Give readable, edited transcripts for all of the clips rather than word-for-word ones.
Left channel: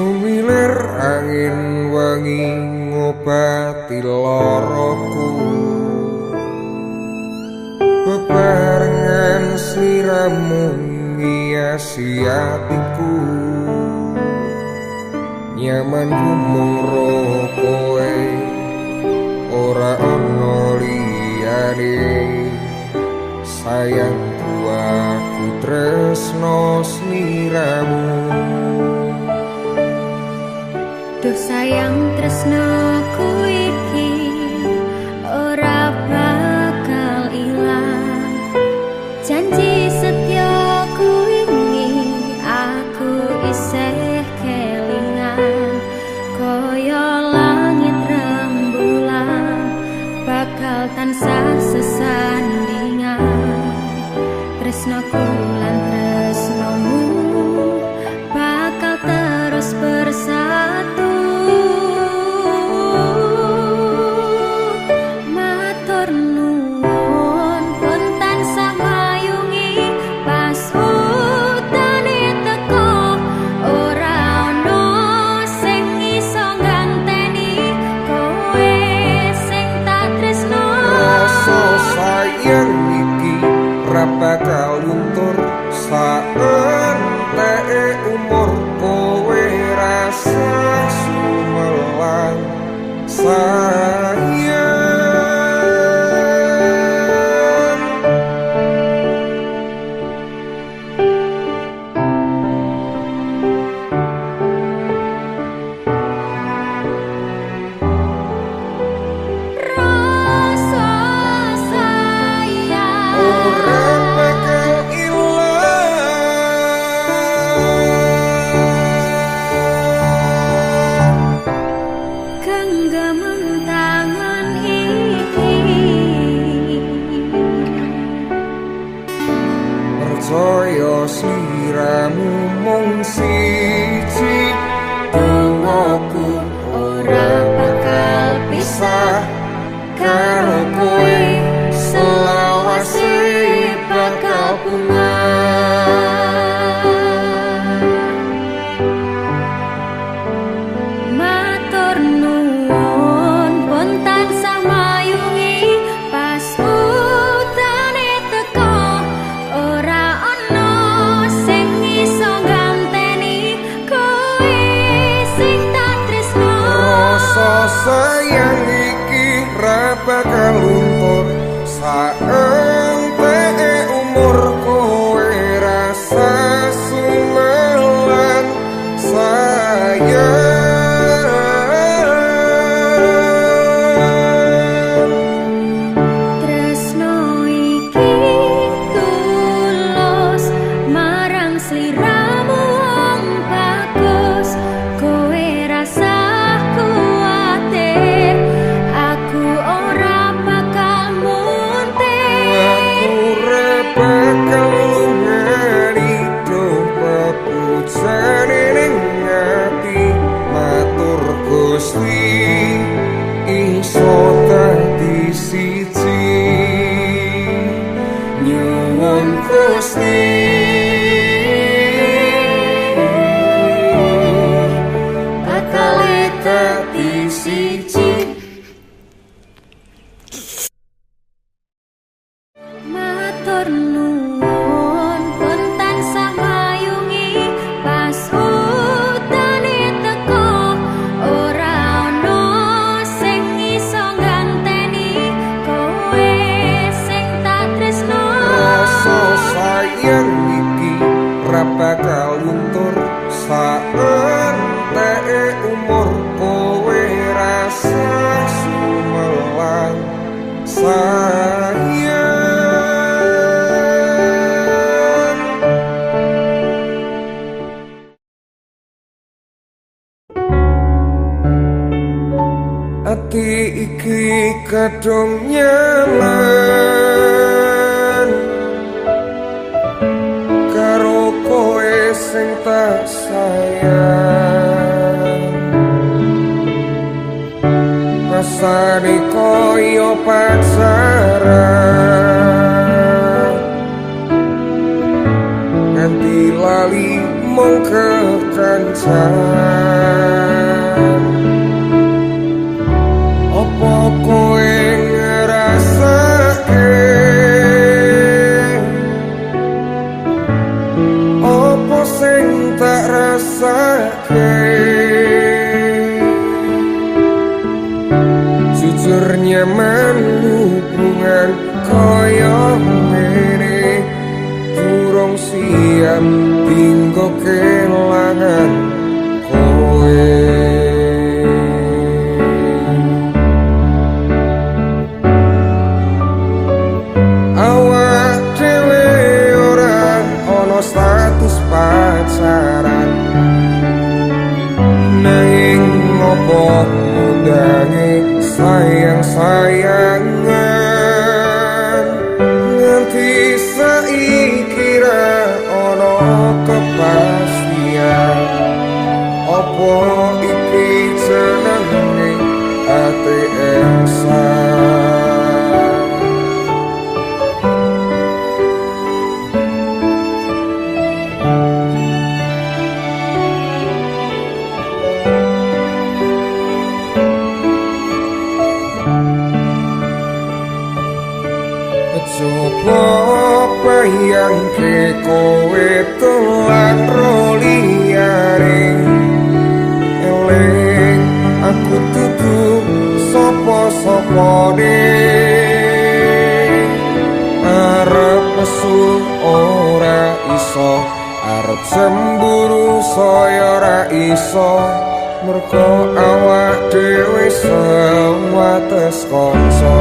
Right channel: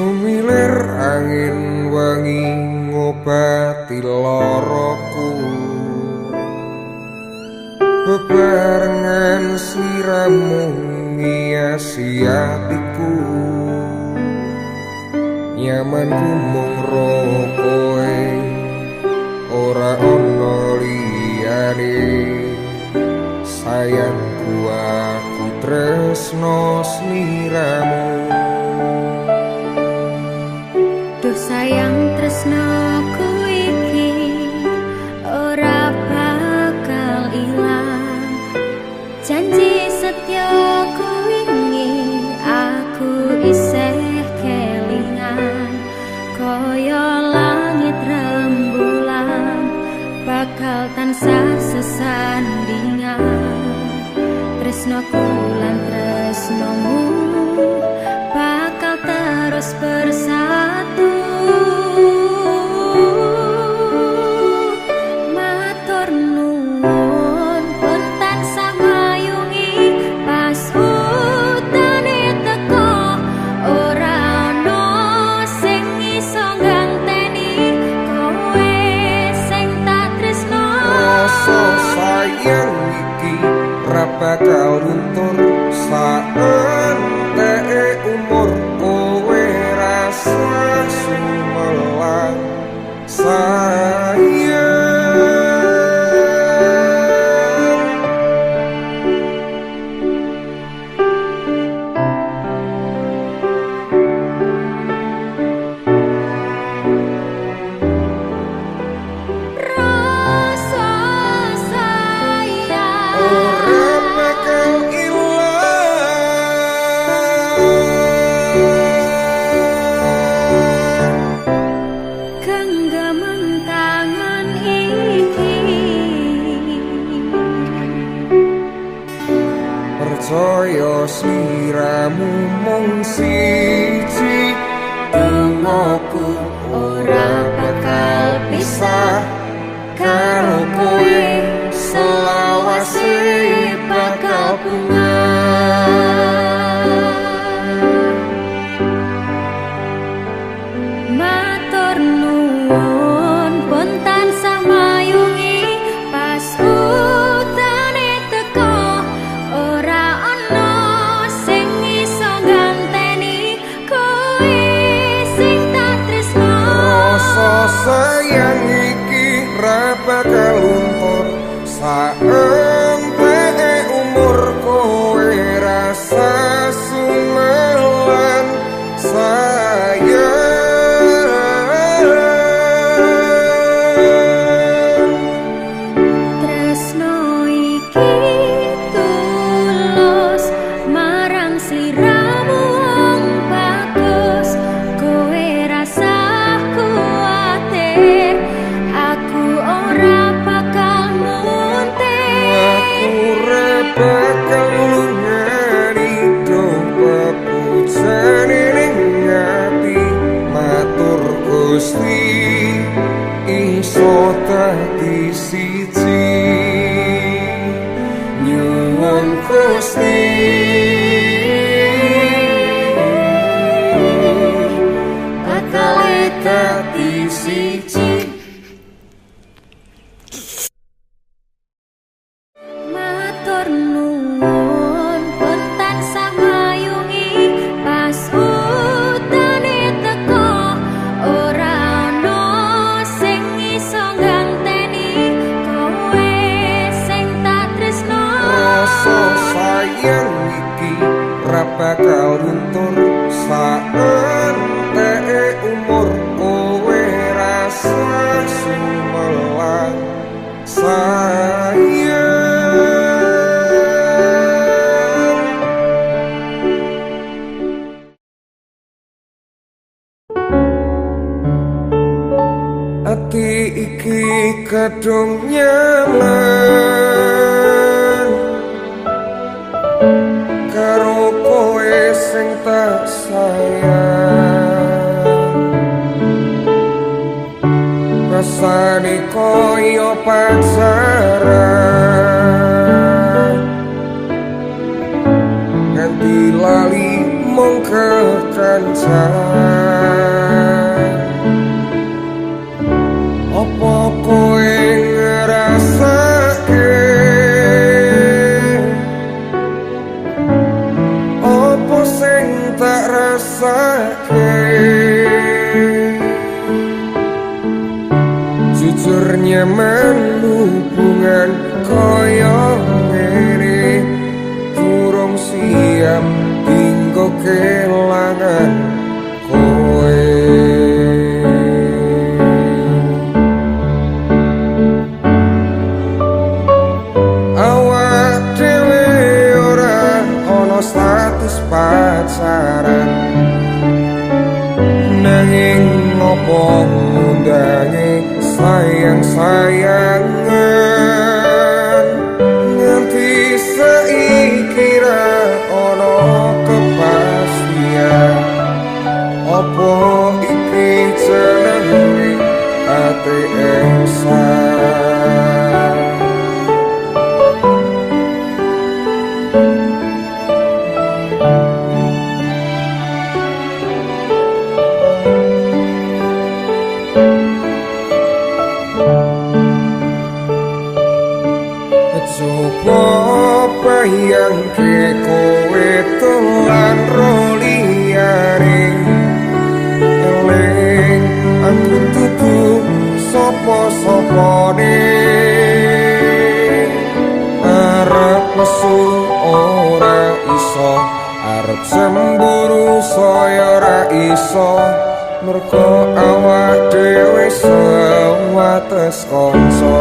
Sumilir angin wangi ngobati loroku, bebarengan sliramu ngiasi atiku. Nyamanku mung ro kowe, ora ono liyane. Sayangku aku tresno sliramu. Duh sayang tresnoku iki ora bakal ilang. Janji setyaku wingi aku isih kelingan. Kaya langit rembulan bakal tansah sesandingan. Tresnoku lan tresnomu bakal terus bersatu. Matur nuwun pun tansah mayungi pas utane teko. Ora ono sing iso ganteni kowe sing tak tresno. Rasa sayang iki ra bakal luntur saenteke umur. Kowe rasa sumelang sayang. Rasa sayang Ora bakal genggaman tangan iki. percaya sliramu mung siji. Dongoku ora bakal pisah karo kowe, selawase bakal bungah. Matur nuwun pun tansah mayungi pas utane teko. Ora ono sing iso ganteni kowe sing tak tresno. Rasa sayang iki ra bakal luntur saenteke umur. Kowe rasa sumelang sayang. Tresno iki tulus marang sliramu wong bagus. Kowe rasa kuwatir aku ora bakal muntir. Aku ora bakal lungani do pepujane ning ati. Matur Gusti iso dadi siji. Nyuwun Gusti bakal dadi siji. Matur nuwun pun tansah mayungi pas utane teko. Ora ono sing iso ganteni kowe sing tak tresno. Rasa sayang iki ra bakal luntur saenteke umur. Kowe rasa sumelang sayang. Ati iki kadung nyaman karo kowe sing tak sayang. Rasane koyo pacaran nganti lali ngomong kekancan, opo kowe ngrasake, opo sing tak rasake. Jujur nyaman hubungan koyo ngene, durung siap dinggo kelangan kowe. Awak dhewe ora ana status pacaran, nanging ngopo ngundangi sayang-sayangan. Nganti saiki ra ana kepastian, opo iki jenenge ATM-san. Coba bayangke kowe dolan ro liyane, eling aku dudu sapa-sapane. Arep nesu ora iso, arep cemburu saya ora iso, mergo awak dhewe sewates kanca.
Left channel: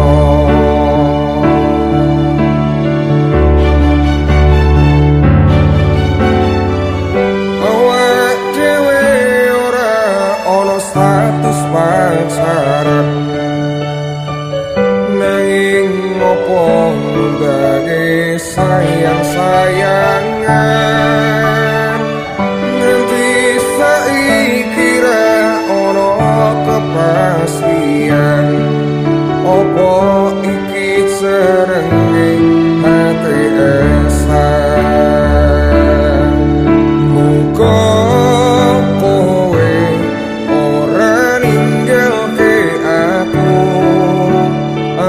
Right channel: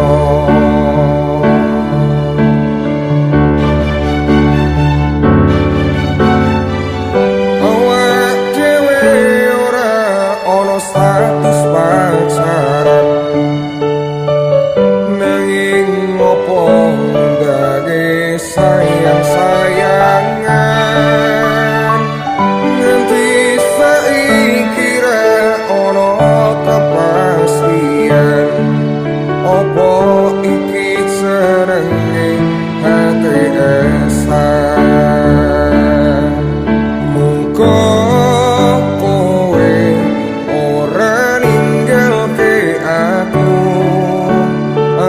Status pacaran, nanging ngopo ngundangi sayang-sayangan. Nganti saiki ra ono kepastian, opo iki jenenge ATM-san. Muga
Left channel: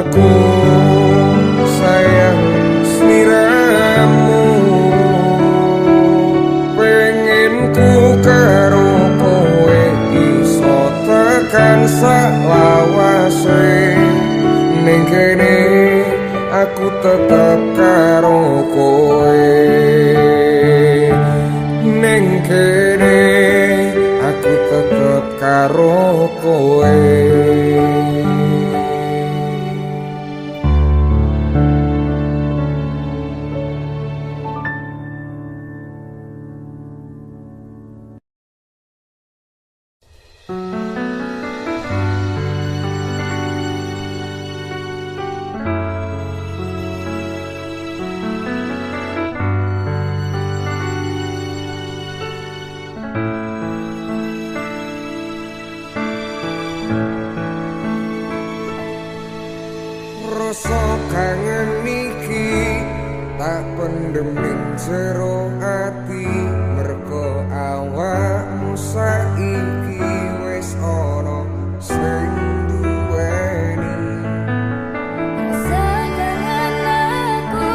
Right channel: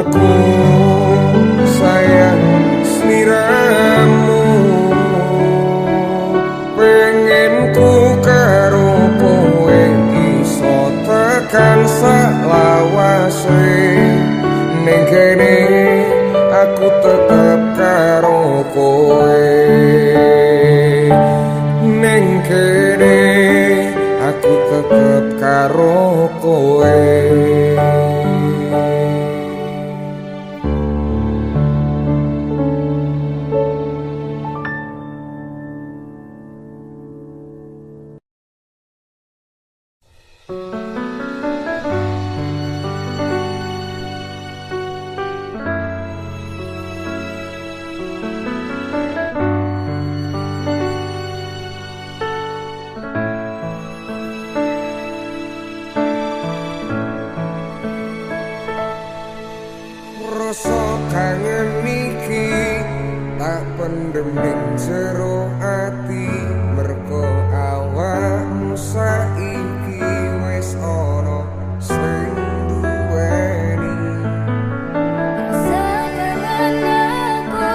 aku sayang sliramu, pengen ku karo kowe iso tekan selawase. Ning kene aku tetep karo kowe, ning kene aku tetep karo kowe. Rasa kangen iki tak pendem ning jero ati, mergo awakmu saiki wis ana sing duweni. Rasa kangen aku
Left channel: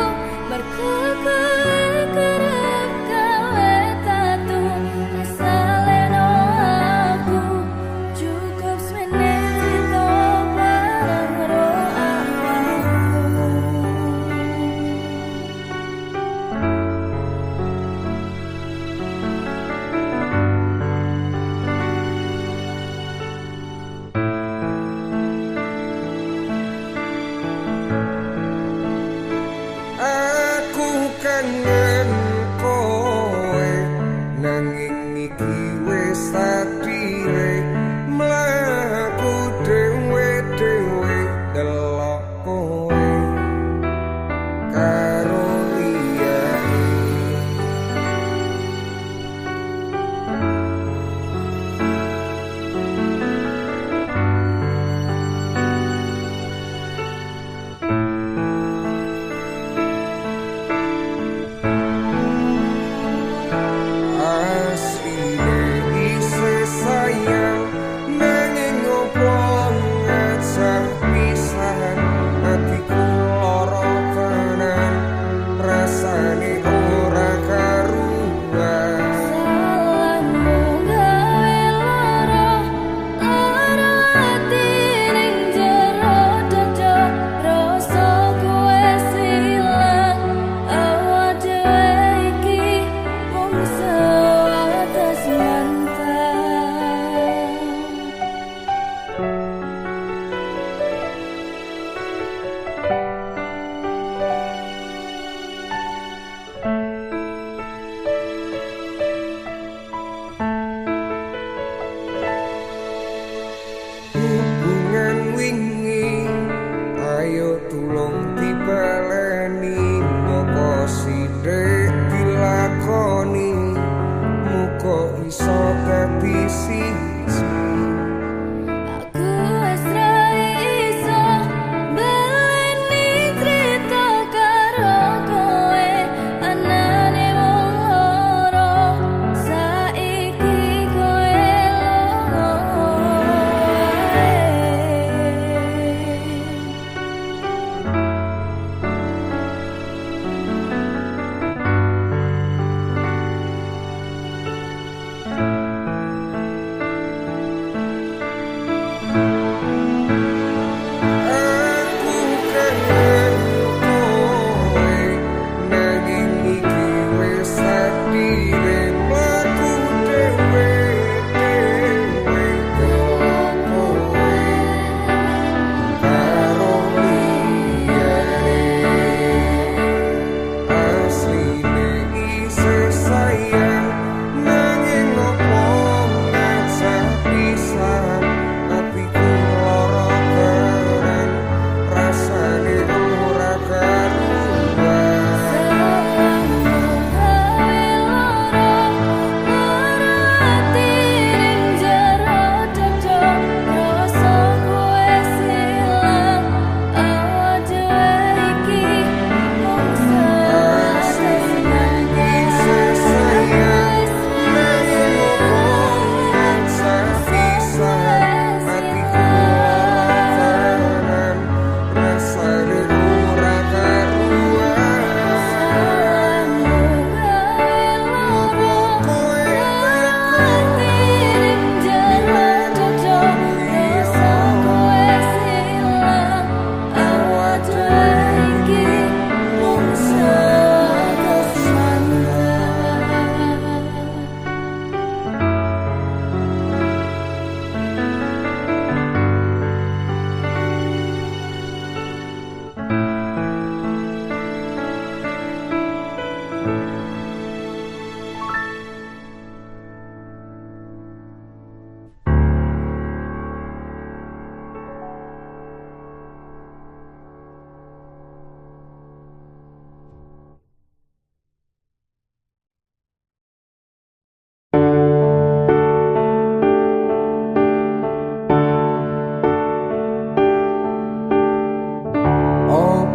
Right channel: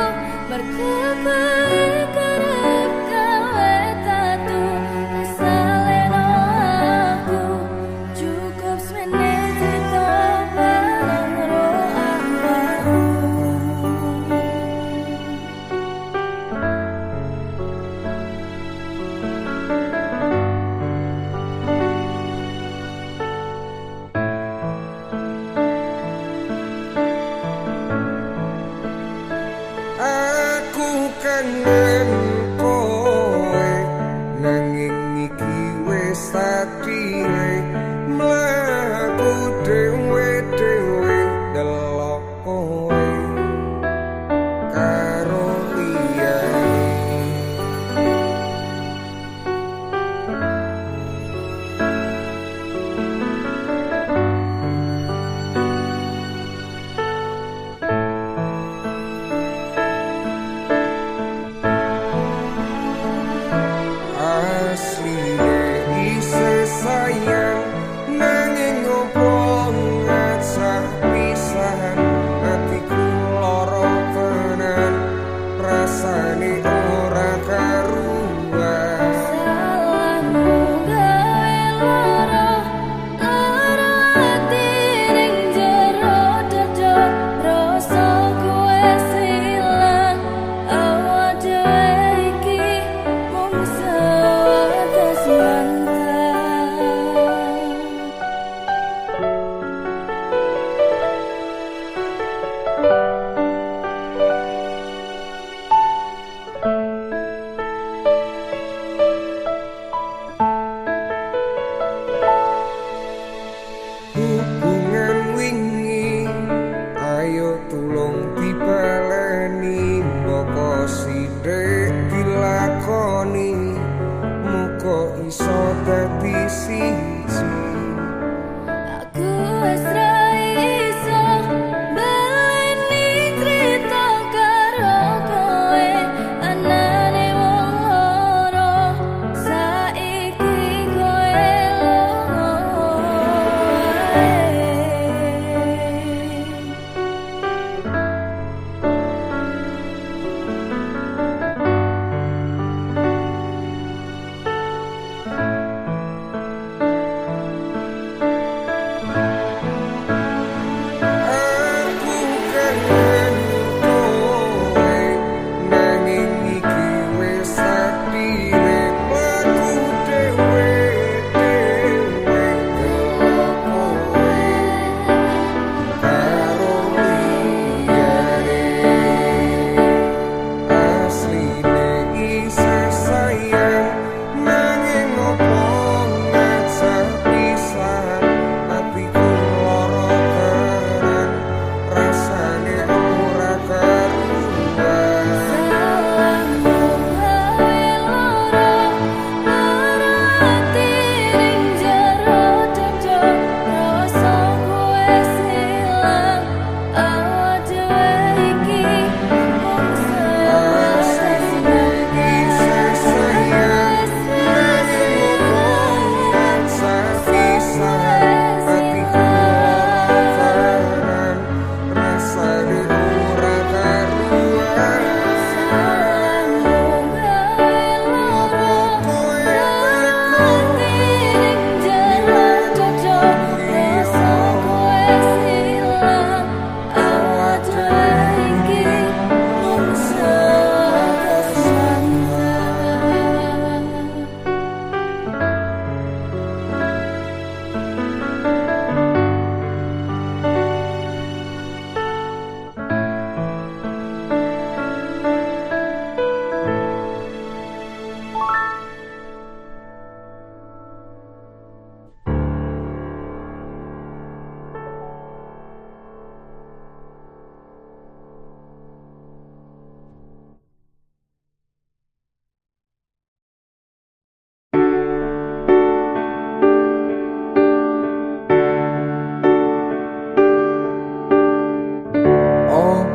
mergo kowe kerep gawe tatu, rasa leno aku cukup semene cita bareng ro awakmu. Aku kangen kowe, nanging iki wis takdire. Mlaku dhewe-dhewe delok kowe karo liyane.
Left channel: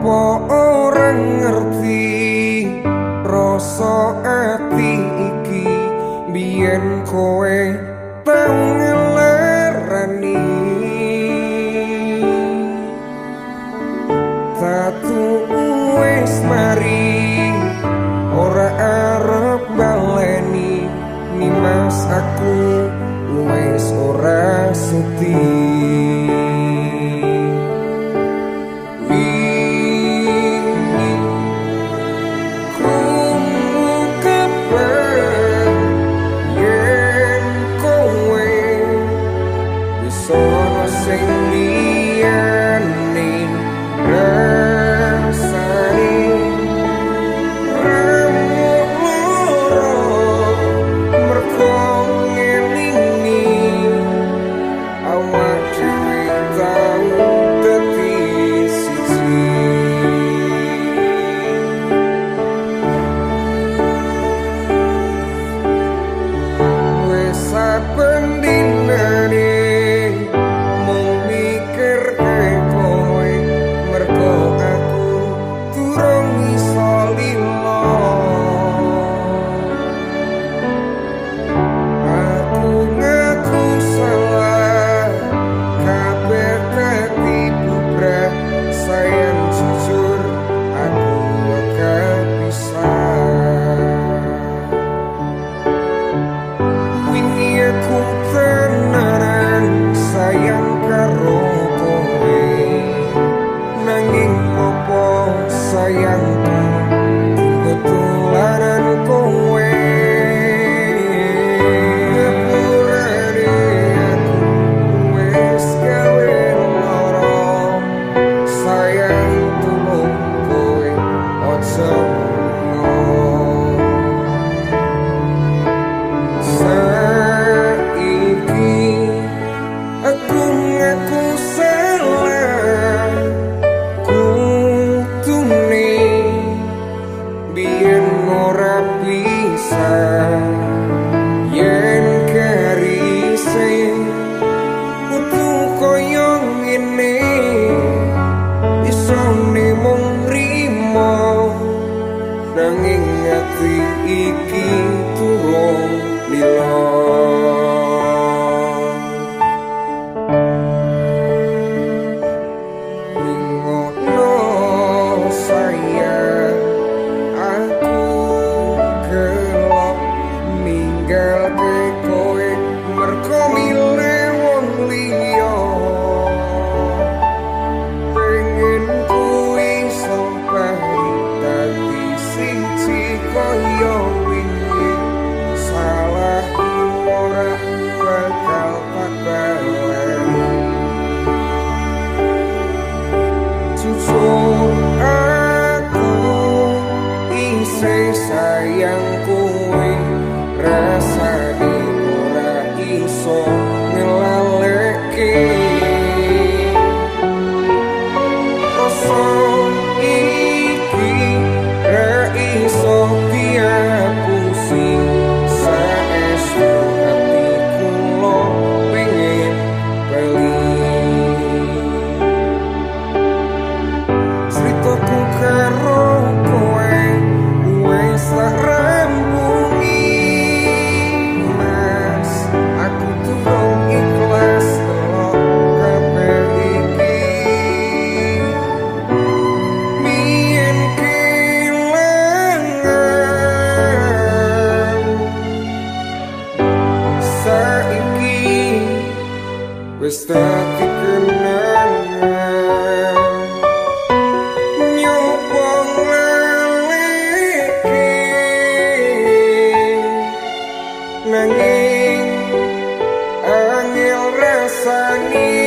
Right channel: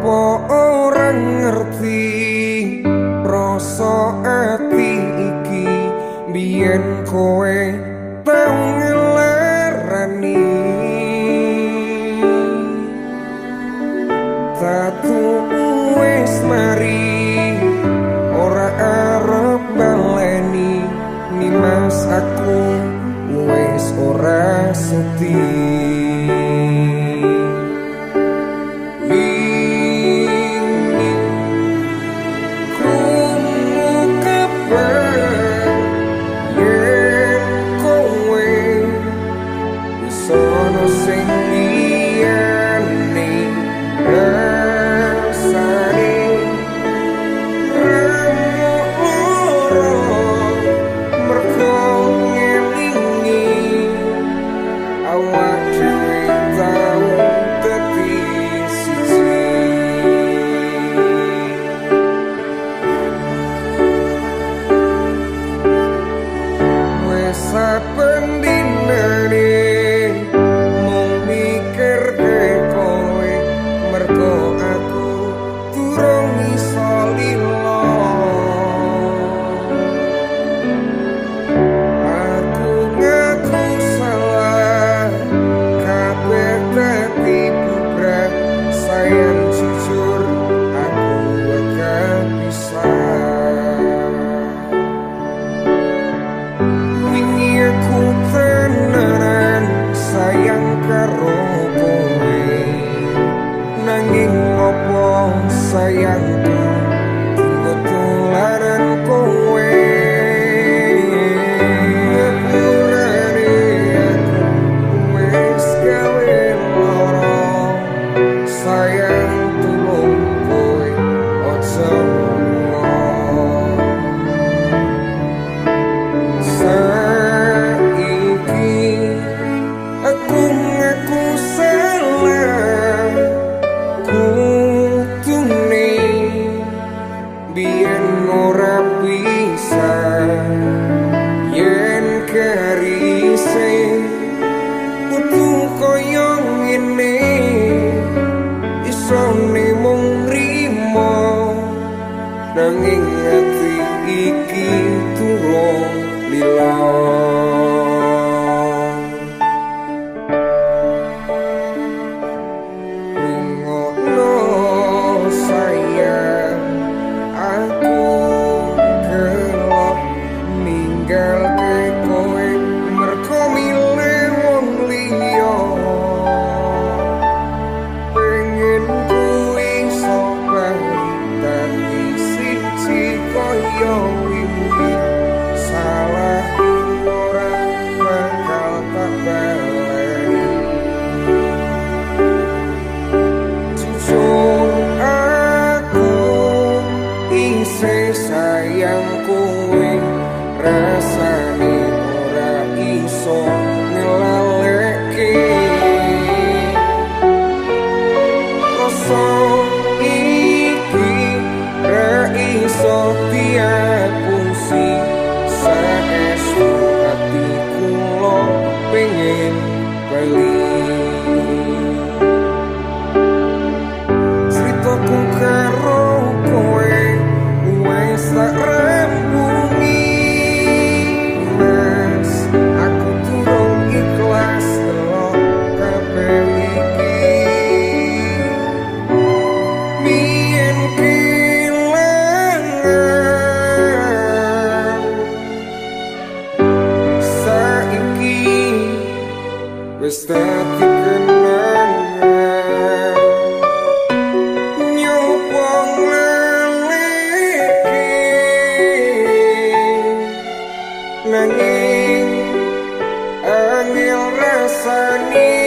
Opo orang ngerti rasa ati iki biyen kowe tau ngelarani tatu wis mari ora arep baleni nimas aku wis ora suti sono sing liyane rasane remuk loro mergo ngelingi awak dhewe tau dadi siji wis saben dinane mikir kowe mergo aku durung iso lilo aku ngaku salah kabeh dadi bubrah sayang jujur aku gak bisa wingi aku tenanan sayang karo kowe nanging opo sayangku tunggu tulanan kowe ngapurane aku wis gawe loro sayang tulung kowe ojo lunga aku ngaku salah kutune biyen ora bisa yen karise kudu koyo ngene iso mung rimo nanging ati iki turung lilo sayang aku gelap ninggal ke kowe mergo milih wong liya pengen kuwi iso bali dadi siji kaya wingi salahku ora bakal tak baleni jujur aku isih sayang kowe rasane ora iso ngelaleke rasa iki ra iso diapusi saestu ati kula pengen bali ceritaku karo kowe wis tak rampungi mas aku durung ikhlas delok kabeh iki biyen kelangan saiki wis dadi kenangan nanging angel rasane